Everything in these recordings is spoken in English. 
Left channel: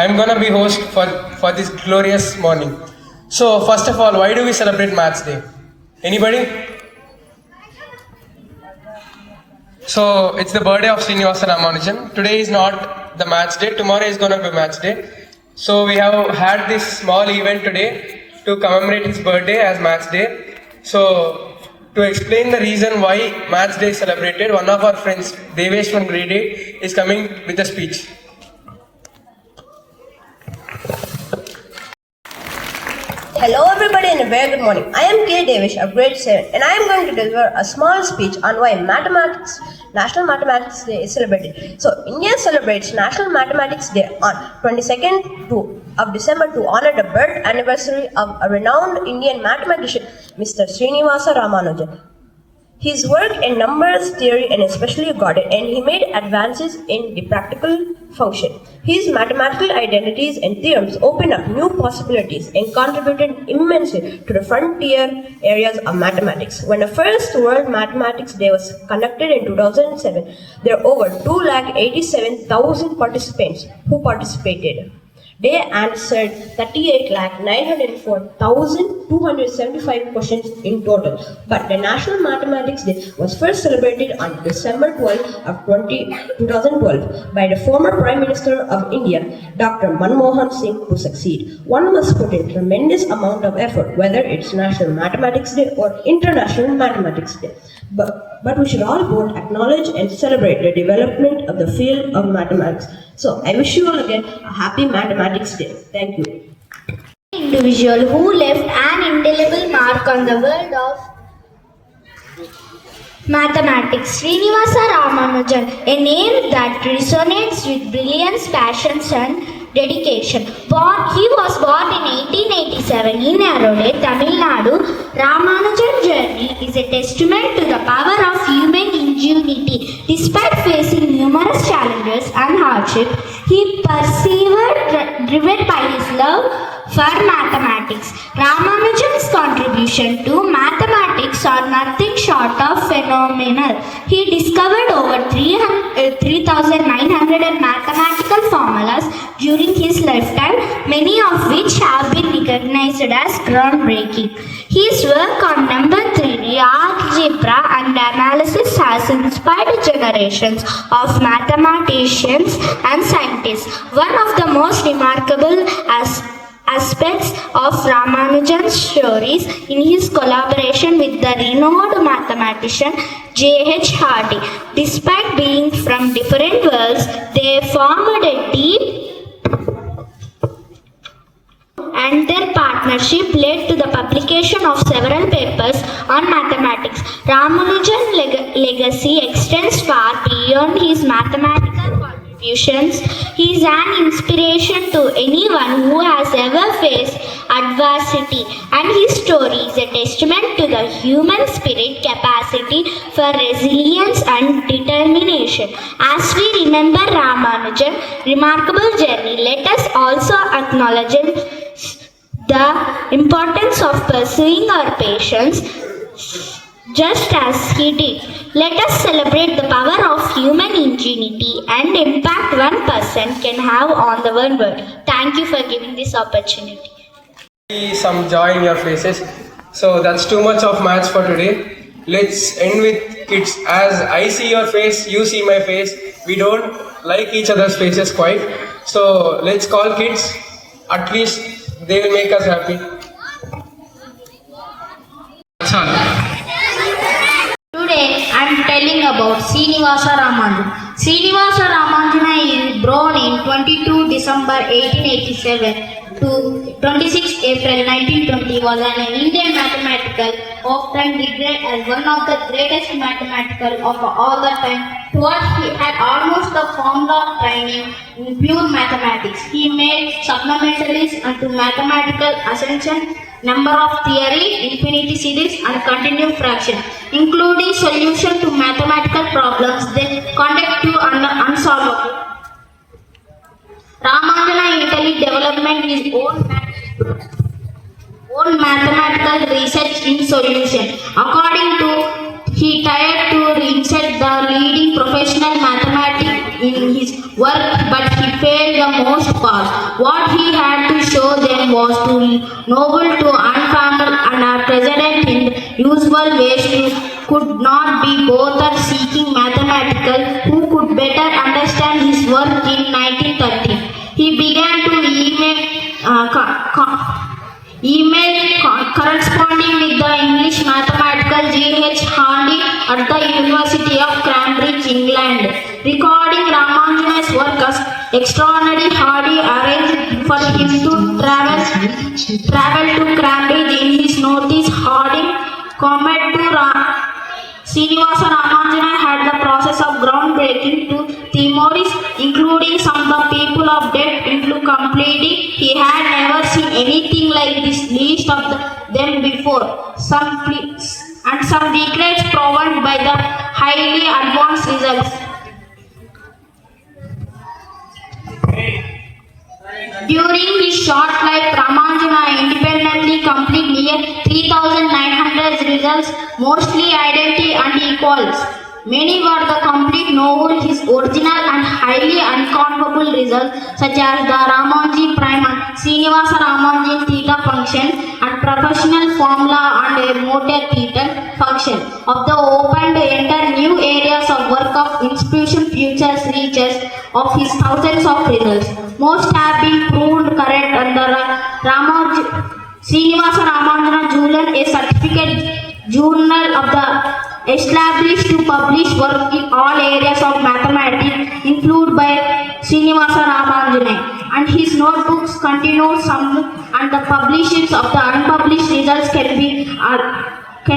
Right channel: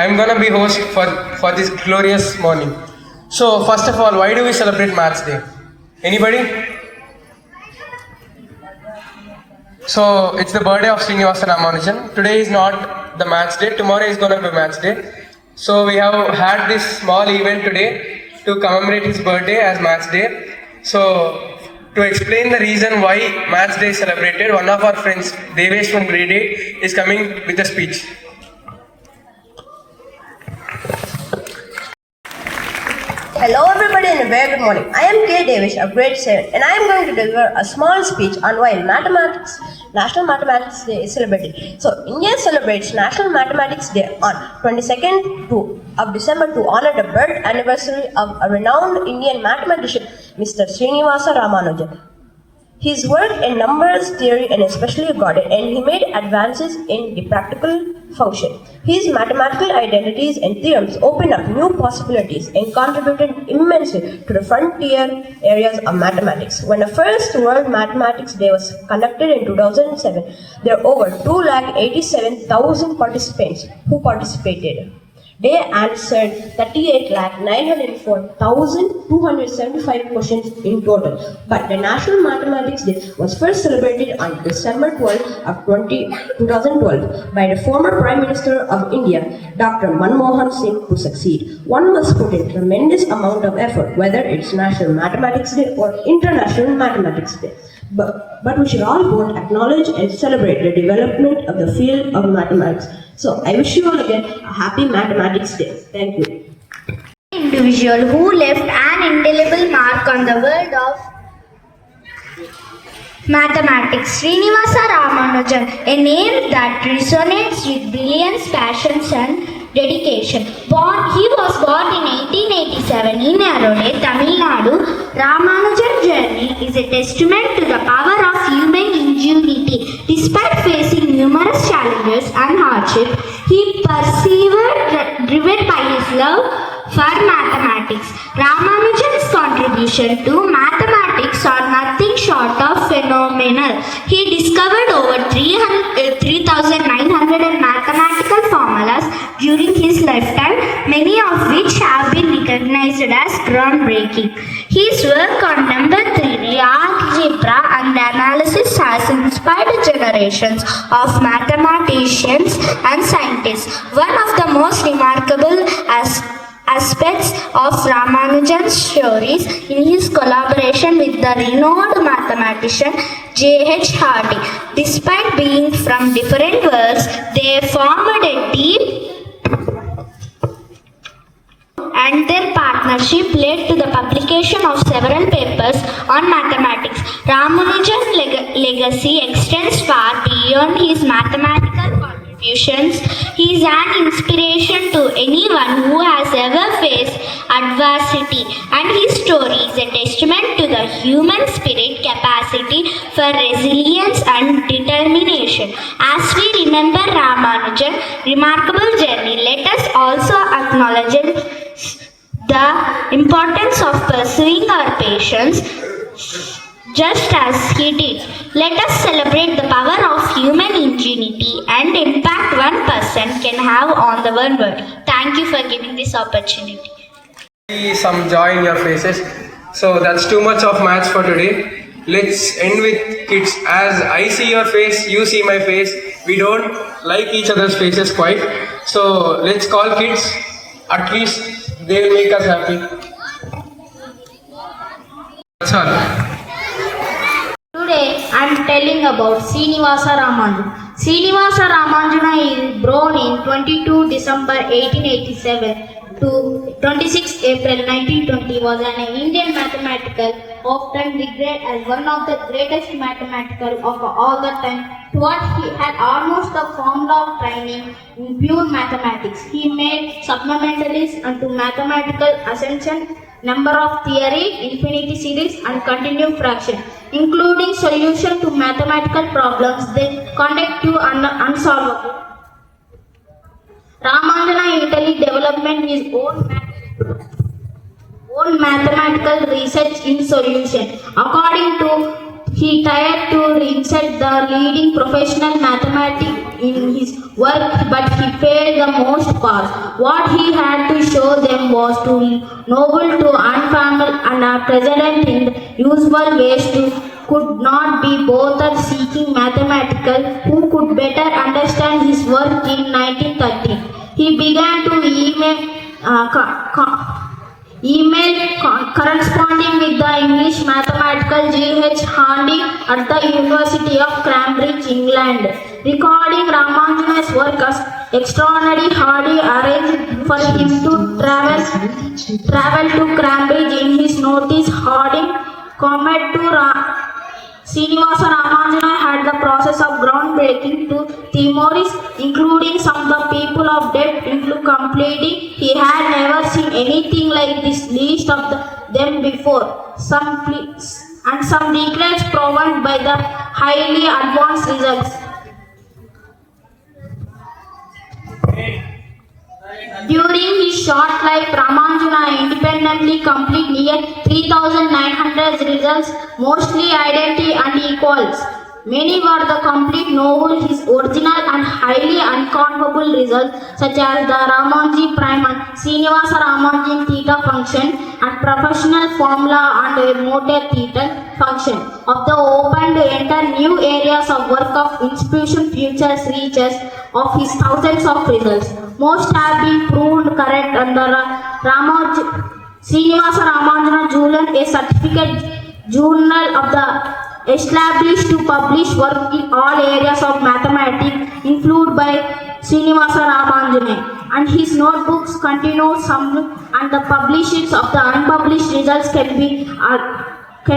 I'm gonna be host for this glorious morning. So first of all, why do we celebrate Maths Day? Anybody? So it's the birthday of Srinivasa Ramanujan. Today is not the Maths Day. Tomorrow is gonna be Maths Day. So we have had this small event today to commemorate his birthday as Maths Day. So to explain the reason why Maths Day is celebrated, one of our friends, Devesh from grade 8, is coming with a speech. Hello everybody and a very good morning. I am K. Devesh of grade 7 and I am going to deliver a small speech on why National Mathematics Day is celebrated. So India celebrates National Mathematics Day on 22nd of December to honor the birth anniversary of a renowned Indian mathematician, Mr. Srinivasa Ramanujan. His work in numbers theory and especially got it, and he made advances in the practical function. His mathematical identities and theorems opened up new possibilities and contributed immensely to the frontier areas of mathematics. When the first World Mathematics Day was conducted in 2007, there were over 287,000 participants who participated. They answered 38,904,275 questions in total. But the National Mathematics Day was first celebrated on December 12 of 2012 by the former Prime Minister of India, Dr. Manmohan Singh, to succeed. One must put in tremendous amount of effort, whether it's National Mathematics Day or International Mathematics Day. But we should all both acknowledge and celebrate the development of the field of mathematics. So I wish you all again a happy Mathematics Day. Thank you. Individual who left an indelible mark on the world of mathematics, Srinivasa Ramanujan, a name that resonates with brilliance, passions and dedication. He was born in 1887 in Erode, Tamil Nadu. Ramanujan's journey is a testament to the power of human ingenuity. Despite facing numerous challenges and hardship, he persevered, driven by his love for mathematics. Ramanujan's contribution to mathematics are nothing short of phenomenal. He discovered over 3,900 mathematical formulas during his lifetime, many of which have been recognized as groundbreaking. His work on number theory, algebra and analysis has inspired generations of mathematicians and scientists. One of the most remarkable aspects of Ramanujan's stories in his collaboration with the renowned mathematician J.H. Hardy. Despite being from different worlds, they formed a deep and their partnership led to the publication of several papers on mathematics. Ramanujan's legacy extends far beyond his mathematical contributions. He is an inspiration to anyone who has ever faced adversity, and his story is a testament to the human spirit, capacity for resilience and determination. As we remember Ramanujan's remarkable journey, let us also acknowledge the importance of pursuing our passions just as he did. Let us celebrate the power of human ingenuity and impact one person can have on the world. Thank you for giving this opportunity. See some joy in your faces. So that's too much of maths for today. Let's end with kids. As I see your face, you see my face. We don't like each other's faces quite. So let's call kids. At least they will make us happy. Today I am telling about Srinivasa Ramanujan. Srinivasa Ramanujan is born in 22 December 1887 to 26 April 1920, was an Indian mathematical, often regarded as one of the greatest mathematical of all the time. What he had almost the formula training in pure mathematics. He made supplementalities into mathematical ascension, number of theory, infinity series and continued fraction, including solution to mathematical problems they conduct to unsolvable. Ramanujan Italy development his own mathematical research in solution. According to he tried to insert the leading professional mathematics in his work, but he failed the most part. What he had to show them was too noble to unformal and are present in the usual ways could not be bothered seeking mathematical who could better understand his work in 1913. He began to corresponding with the English mathematical G.H. Hardy at the University of Cambridge, England. Recording Ramanujan's work as extraordinary, Hardy arranged for him to travel to Cambridge. In his notice, Harding commented to Srinivasa Ramanujan had the process of groundbreaking to theories, including some of the people of depth into completing. He had never seen anything like this, least of them before. Some decades proven by the highly advanced results. During his short life, Ramanujan independently completed near 3,900 results, mostly identity and equals. Many were the complete novel, his original and highly unconformable results, such as the Ramanujan prime and Srinivasa Ramanujan theta function and professional formula and a motor theta function of the opened to enter new areas of work of institution futures reaches of his thousands of results. Most have been proved correct under Srinivasa Ramanujan Julian, a certificate journal of the established to publish work in all areas of mathematics, included by Srinivasa Ramanujan, and his notebooks continue some, and the publications of the unpublished results can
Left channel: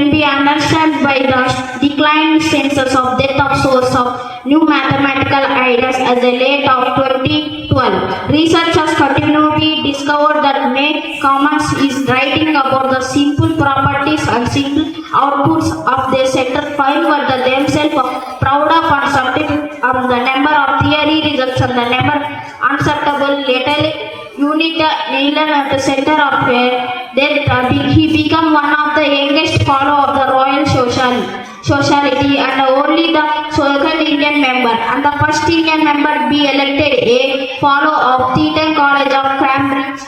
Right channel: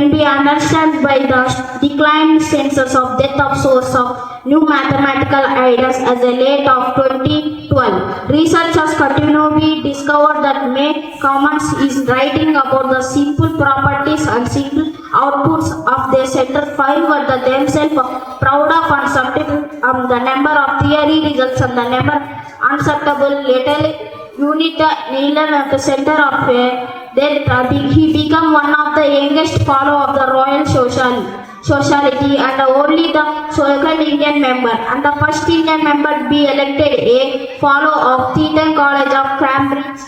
be understood by the declined census of death of source of new mathematical ideas as the late of 2012. Researchers continue to be discovered that May Commons is writing about the simple properties and simple outputs of their center file were the themselves proud of and certificate of the number of theory results and the number unacceptable later unit nailer at the center of then he became one of the youngest fellow of the Royal Society and only the second Indian member and the first Indian member be elected a fellow of Thetan College of Cambridge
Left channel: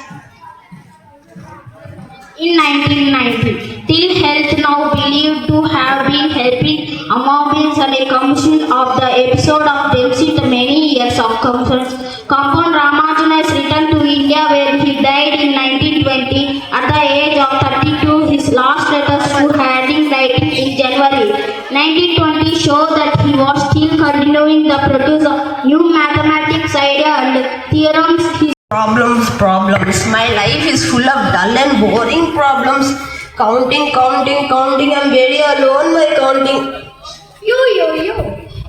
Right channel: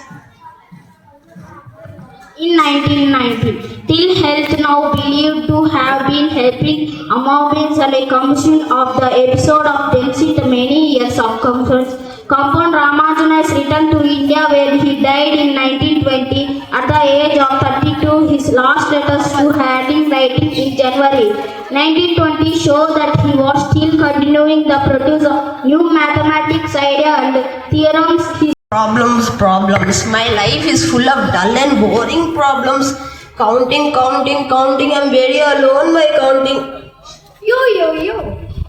in 1990. Till health now believed to have been helping Amobins and a commission of the episode of Dempsey many years of conference. Compound Ramanujan has returned to India where he died in 1920 at the age of 32. His last letters to Harding writing in January 1920 show that he was still continuing the produce of new mathematics idea and theorems. Problems. My life is full of dull and boring problems. Counting. I'm very alone by counting. You.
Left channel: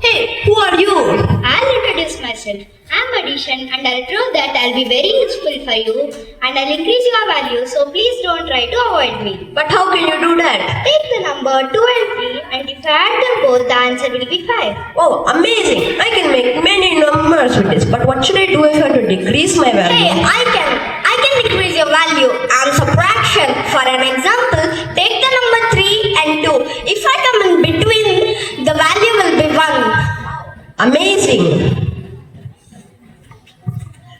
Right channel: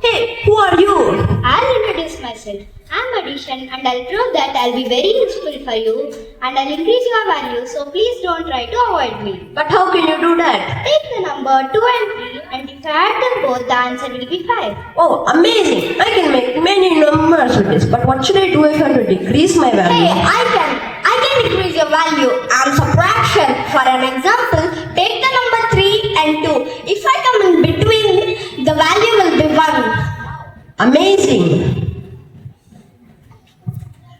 Hey, who are you? I'll introduce myself. I'm Addition and I'll prove that I'll be very useful for you and I'll increase your value, so please don't try to avoid me. But how can you do that? Take the number 2 and 3 and if I add them both, the answer will be 5. Oh, amazing! I can make many numbers with this. But what should I do if I have to decrease my value? Hey, I can decrease your value and subtraction. For an example, take the number 3 and 2. If I come in between, the value will be 1. Amazing!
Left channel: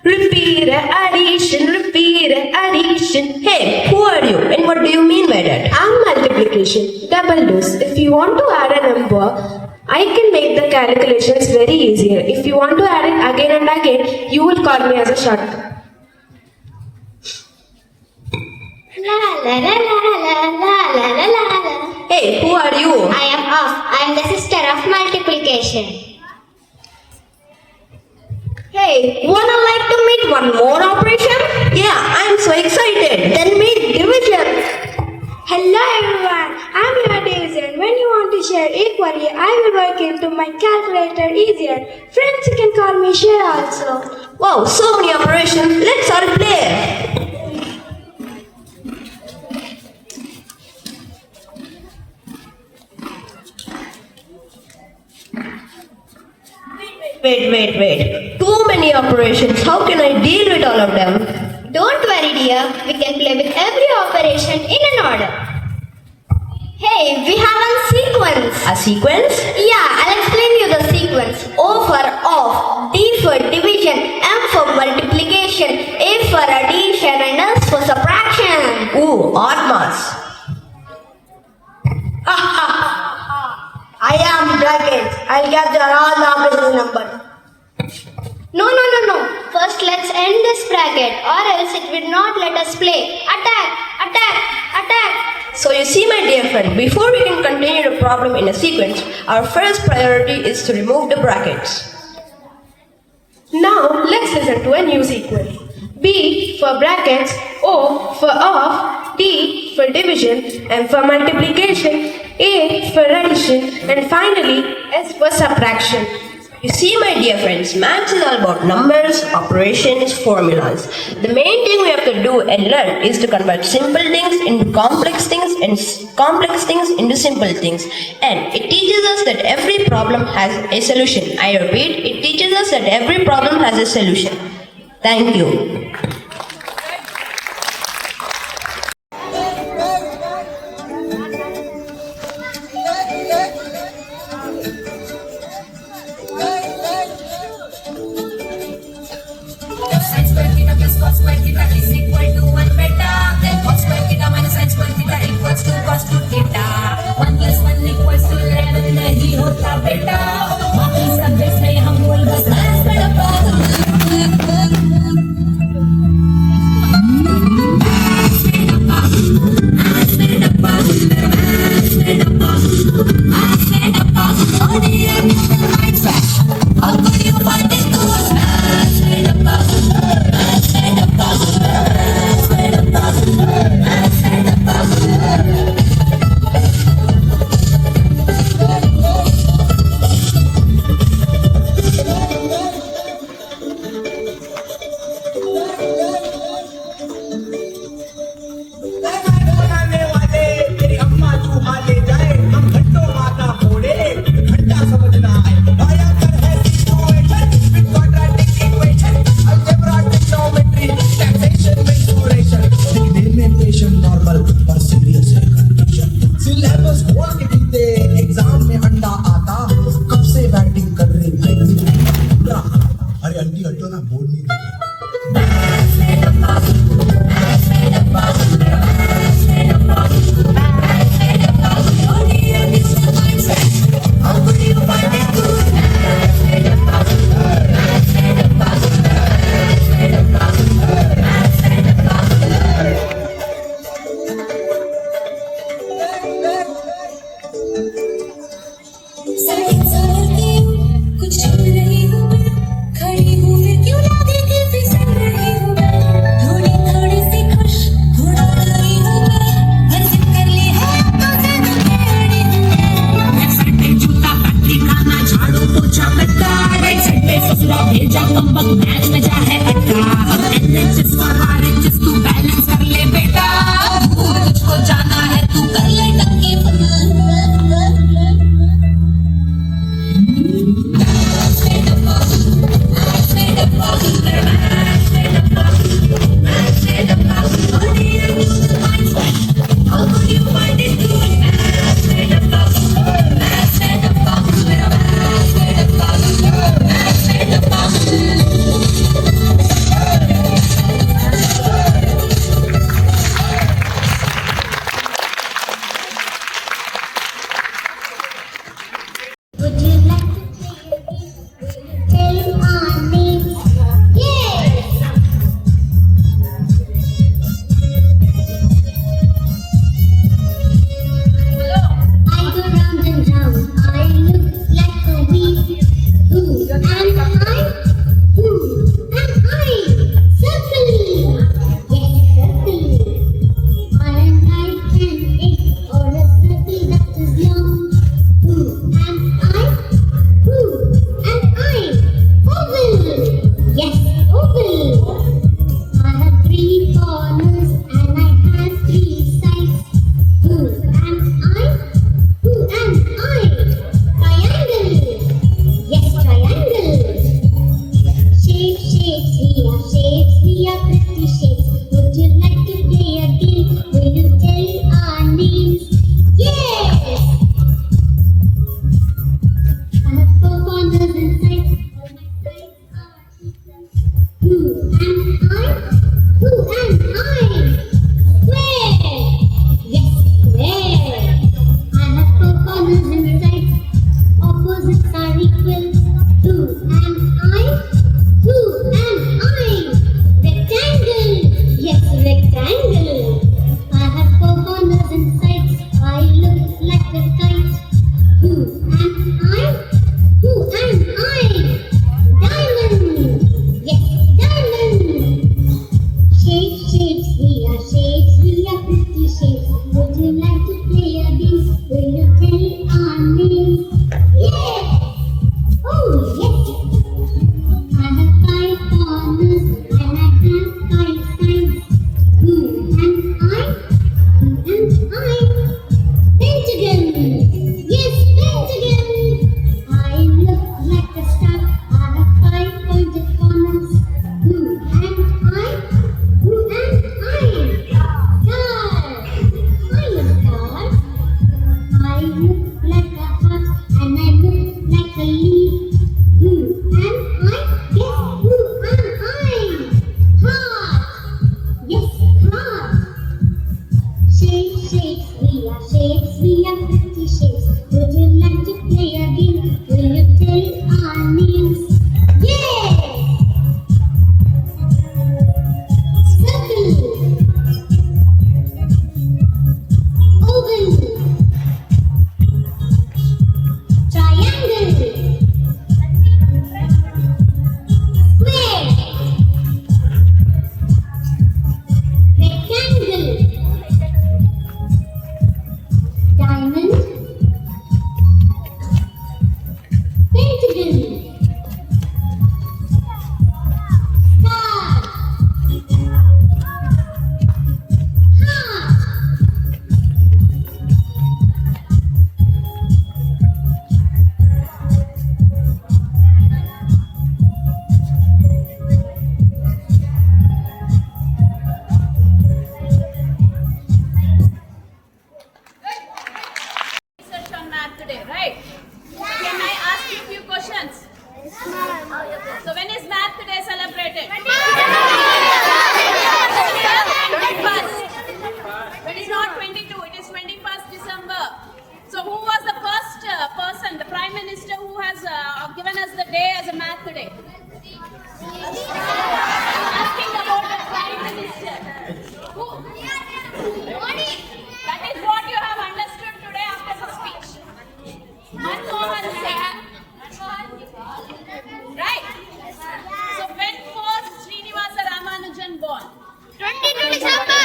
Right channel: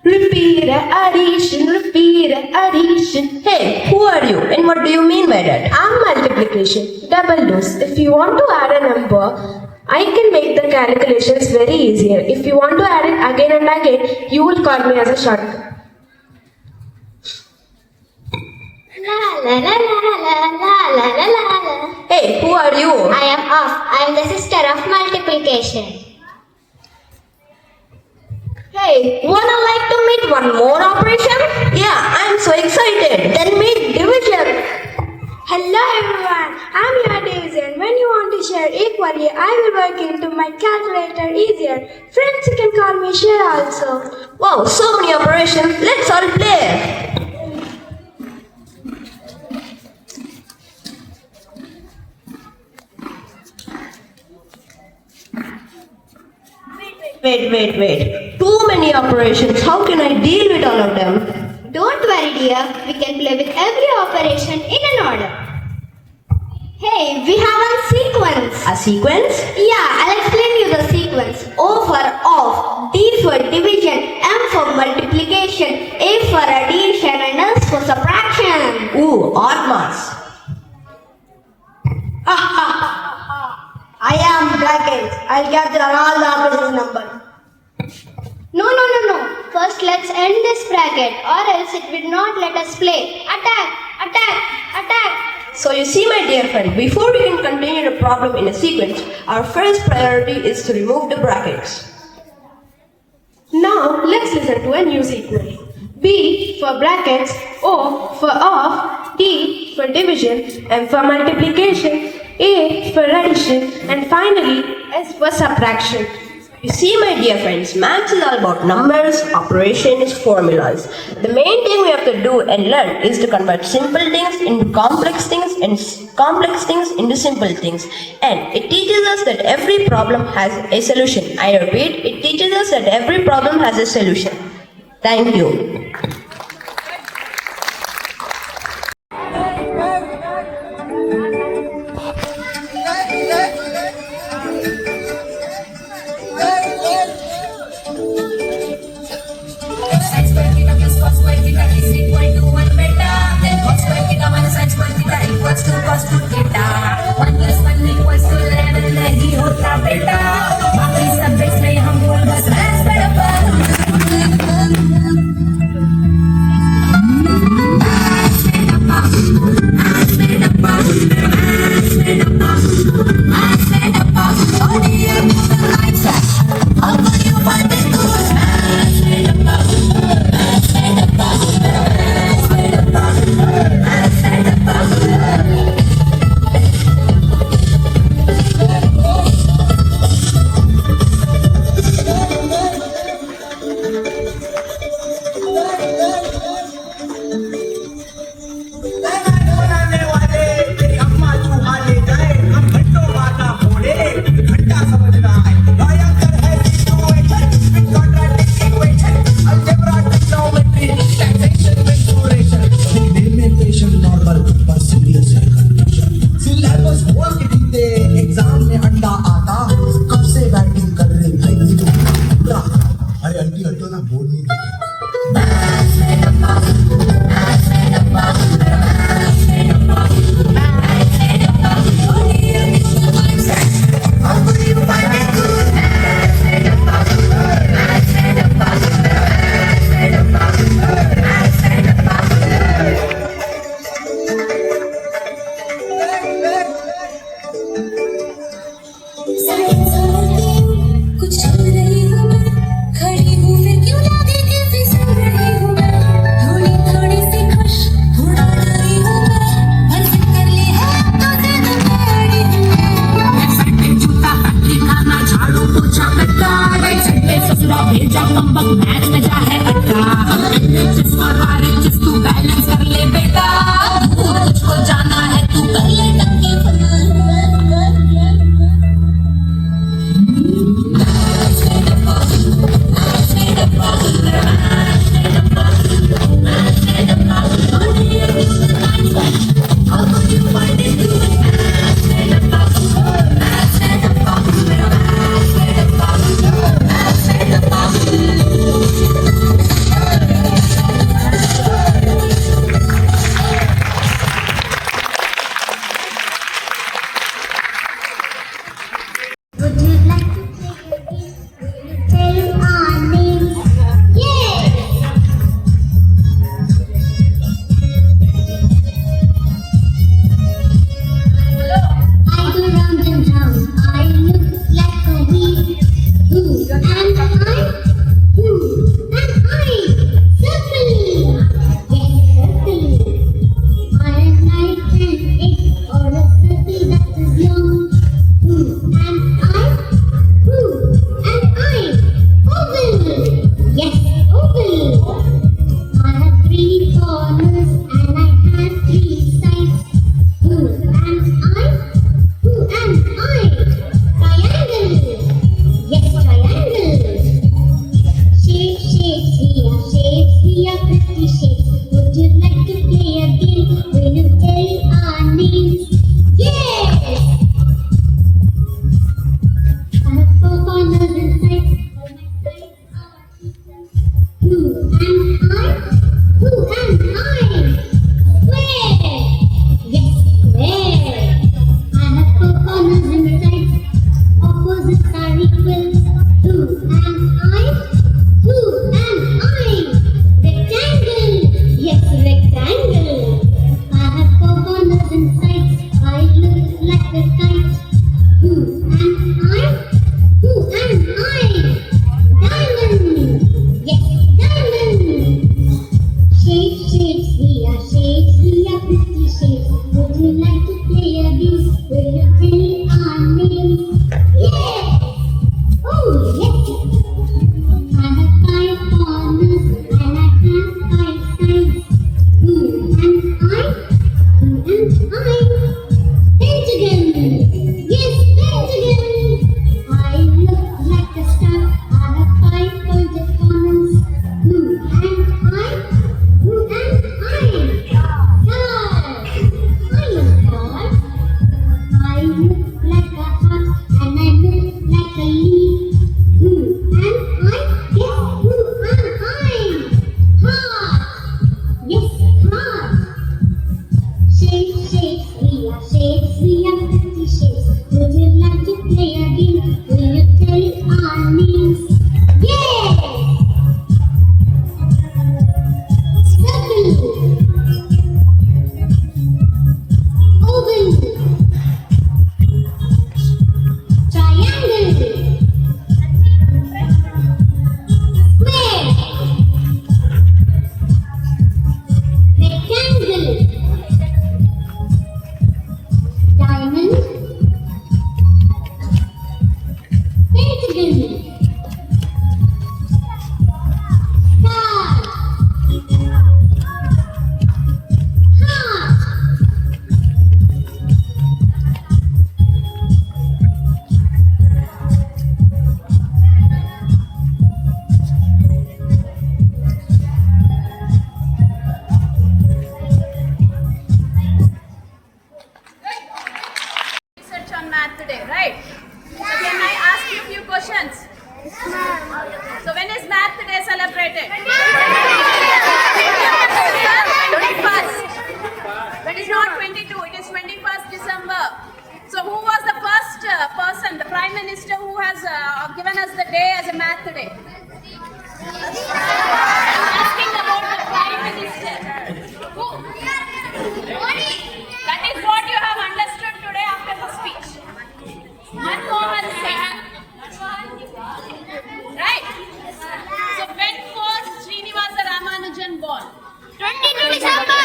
Repeat addition. Hey, who are you and what do you mean by that? I'm multiplication, double dose. If you want to add a number, I can make the calculations very easier. If you want to add it again and again, you will call me as a shortcut. Hey, who are you? I am off. I am the sister of multiplication. Hey, wanna like to meet one more operation? Yeah, I'm so excited. Then meet division. Hello everyone, I'm your division. When you want to share equally, I will work into my calculator easier. Friends, you can call me share also. Wow, so many operations. Let's all play. Wait. Too many operations. How can I deal with all of them? Don't worry, dear. We can play with every operation in an order. Hey, we have a sequence. A sequence? Yeah, I'll explain you the sequence. O for off, D for division, M for multiplication, Let's end this bracket, or else it will not let us play. Attack! Attack! Attack! So you see, my dear friend, before we can continue the problem in a sequence, our first priority is to remove the brackets. Now let's listen to a new sequence. B for brackets, O for off, D for division, M for multiplication, A for addition, and finally S for subtraction. You see, my dear friends, maths is all about numbers, operations, formulas. The main thing we have to do and learn is to convert simple things into complex things and complex things into simple things. And it teaches us that every problem has a solution. I repeat, it teaches us that every problem has a solution. Thank you. Opposites are equal. Who am I? Who am I? December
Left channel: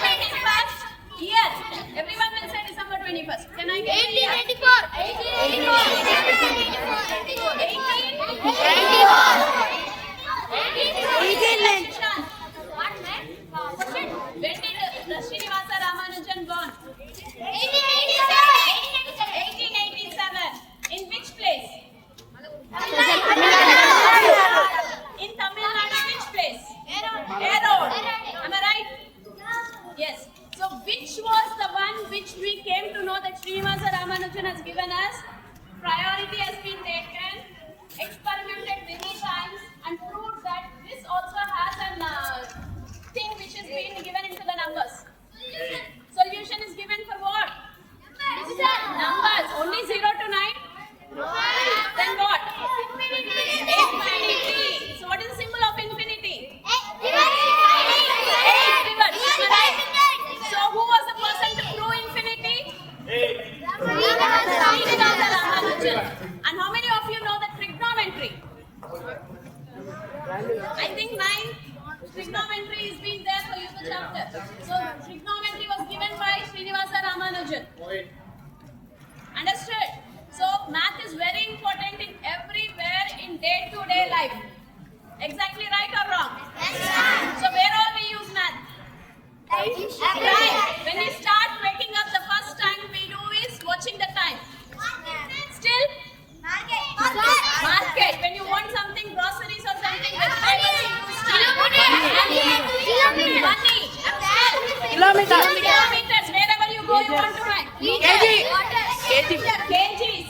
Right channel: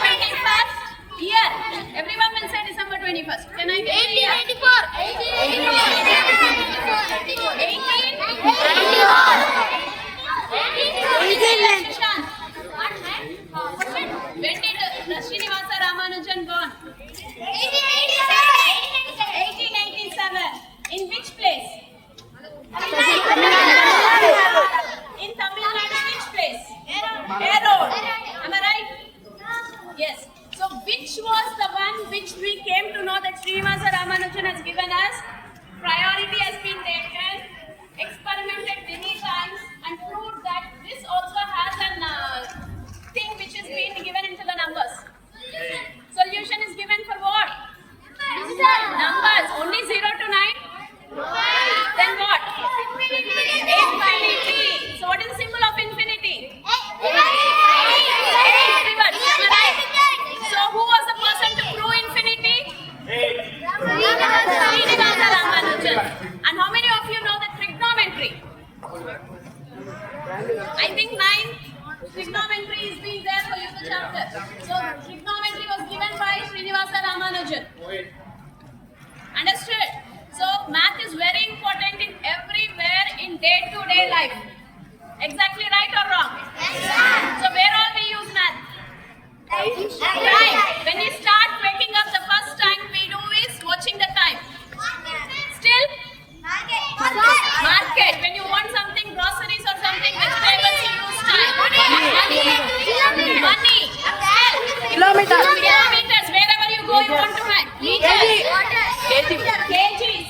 21st. Year. Everyone will say December 21st. Can I get 1884. 1884. When did Srinivasa Ramanujan born? 1887. In which place? In Tamil Nadu, which place? Erode. Am I right? Yes. So which was the one which we came to know that Srinivasa Ramanujan has given us? Priority has been taken, experimented many times and proved that this also has an thing which is being given into the numbers. Solution is given for what? Numbers. Only 0 to 9? Then what? Infinity. So what is the symbol of infinity? So who was the person to prove infinity? Srinivasa Ramanujan. And how many of you know the trigonometry? I think 9 trigonometry is being there for you the chapter. So trigonometry was given by Srinivasa Ramanujan. Understood? So math is very important in everywhere in day-to-day life. Exactly right or wrong? So where all we use math? Time. When we start waking up, the first time we do is watching the time. Still? Market. When you want something, groceries or something, vegetables, you use time. Money. Kilometers. Wherever you go, you want to have. Meters. Kgs.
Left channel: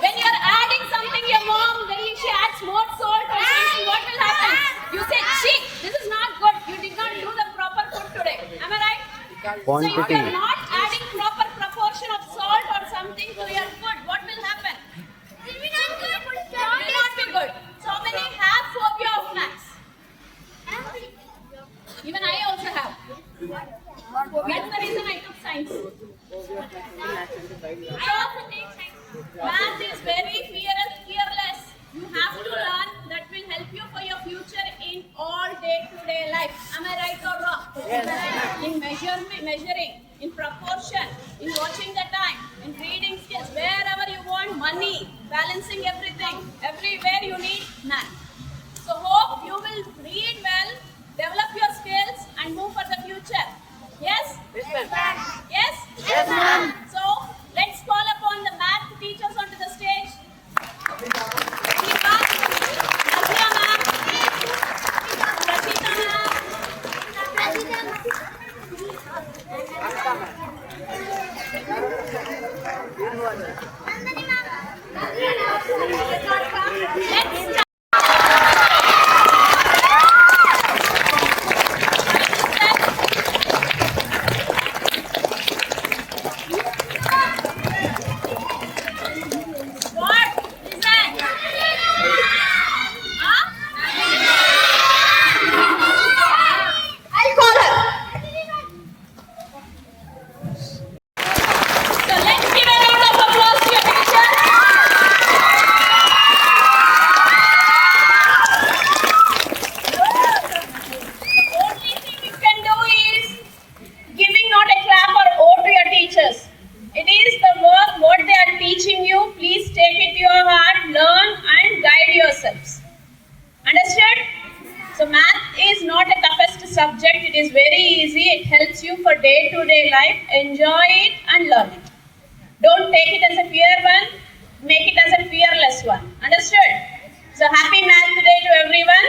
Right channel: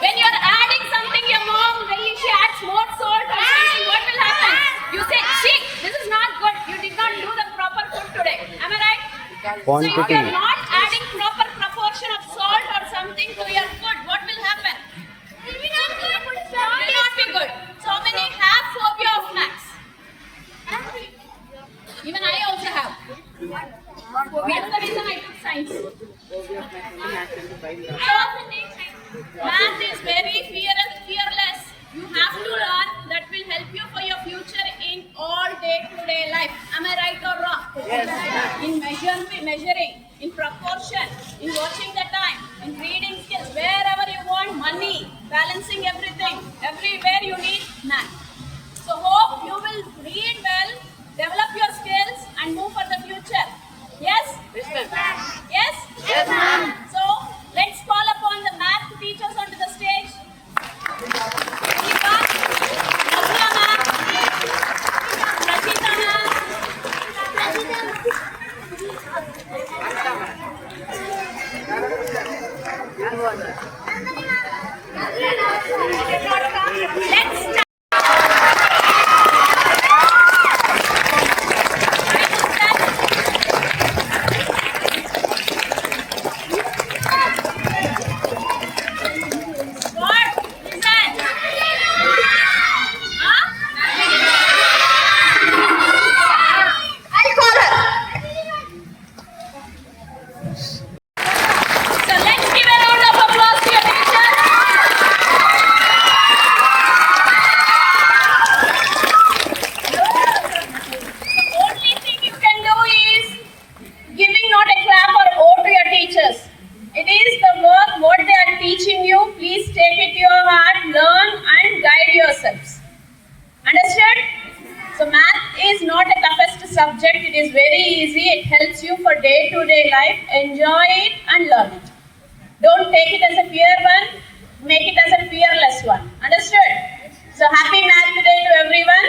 When you are adding something, your mom, when she adds more salt or something, what will happen? You say, see, this is not good. You did not do the proper food today. Am I right? So if you are not adding proper proportion of salt or something to your food, what will happen? It will not be good. So many have phobia of maths. Even I also have. That's the reason I took science. So, math is very fearless. You have to learn that will help you for your future in all day-to-day life. Am I right or wrong? In measuring, in proportion, in watching the time, in reading skills, wherever you want money, balancing everything, everywhere you need math. So hope you will read well, develop your skills and move for the future. Yes? Yes, ma'am. Yes? Yes, ma'am. So let's call upon the math teachers onto the stage. Azia ma'am, Rashida ma'am, let's start. Subject, it is very easy, it helps you for day-to-day life, enjoy it and learn it. Don't take it as a fear one, make it as a fearless one. Understood? So happy math day to everyone.